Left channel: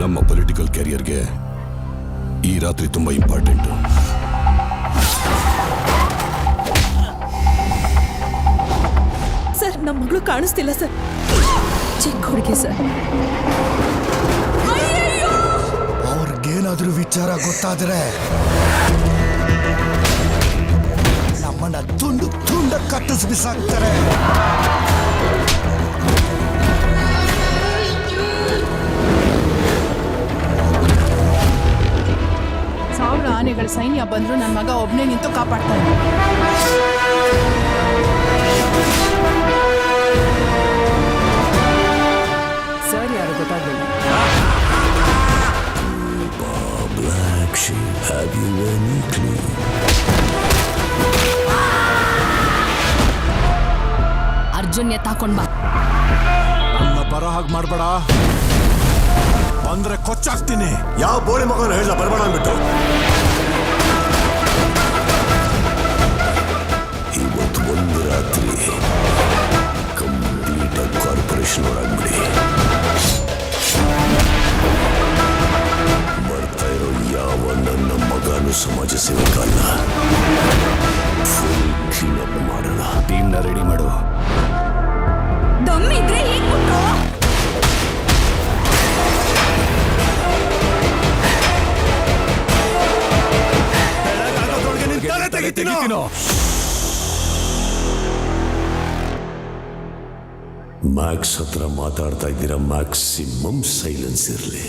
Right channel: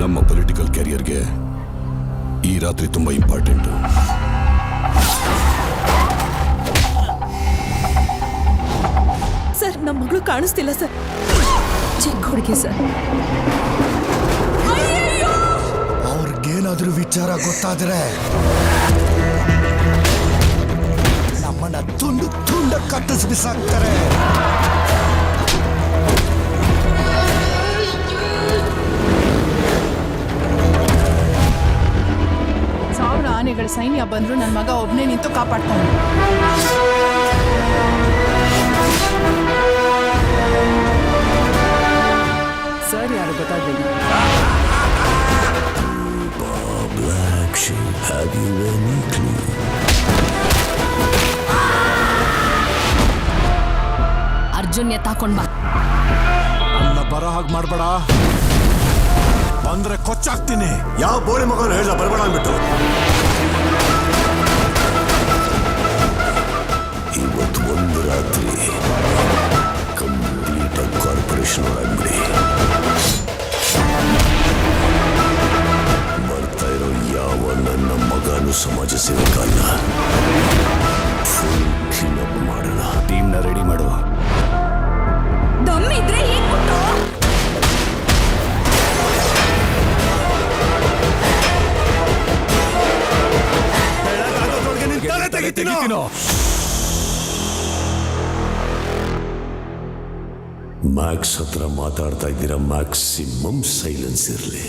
ನಮ್ಮ ಪೊಲಿಟಿಕಲ್ ಕ್ಯಾರಿಯರ್ಗೆ ಈ ರಾತ್ರಿ ತುಂಬಾ ಇಂಪಾರ್ಟೆಂಟ್. ಸರ್, ನಮ್ಮ ಮಗಳು ಕಾಣಿಸ್ತಿಲ್ಲ ಸರ್. ಚಿಕ್ಕ ಹುಡುಗಿ ಸರ್. ಅವ್ರಿಗೇನಾದ್ರೂ ವಿಚಾರ ಗೊತ್ತಾದ್ರೆ ನಮ್ಮನ್ನ ತುಂಡು ತುಂಡ ಕಟ್ಟಿಸಿ ಬಿಸಾಕ್ತಾರೆ. ಸಾವಿರ ಆನೆಗಳ ಸೈನ್ಯ ಬಂದ್ರು ನನ್ನ ಮಗ ಒಬ್ನೇ ನಿಂತು ಕಾಪಾಡ್ತಾನೆ. ಸರ್ ಯಾರು ಗೊತ್ತಾಗ್ಲಿಲ್ಲ. ಅರ್ಜುನ್ ಎತ್ತಾಕೊಂಡ್ ಬಾ. ನನ್ನ ಬರೋ ಹಾಗೆ ಮಾಡ್ಬೇಡ, ಬಂದ್ರೆ ಕೊಚ್ಚಾಕ್ತೀನಿ. ಯಾವ ಬೋಳಿ ಮಗನ ಹೇಳ ಬರ್ಬೇಡ ಅಂದ್ಬಿಟ್ಟು. ಇವತ್ತು ಒಂದು ರಾತ್ರಿ ಕಂಪ್ಲೀಟ್ ಆಗಿ ಕಾರ್ಪೊರೇಷನ್ ಒಳಗ್ಬಿಡಿ. ಬರ್ತಾ ಇರೋ ಯಾವ ನನ್ನ ಮಗನು ಸಮಾಜ ಸೇವಕ ಅಲ್ಲ. ಫುಲ್ ಕ್ಲೀನ್ ಅಪ್ ಮಾಡೋಣ. ಟೀಮ್ನ ರೆಡಿ ಮಾಡು. ದಮ್ಮಿದ್ರೆ ಹೀಗ್ಬಿಟ್ಟು ಬೆಳಗಾಗೋದ್ರೊಳಗೆ ನಿನ್ ತಲೆ ತೆಗಿತೀನೋ. ಮ್ಯಾಕ್ಸ್ ಹತ್ರ ಮಾತಾಡ್ತಾ ಇದ್ದೀರಾ, ಮ್ಯಾಕ್ಸಿಮಮ್ ಸೈಲೆನ್ಸ್ ಇರಲಿ.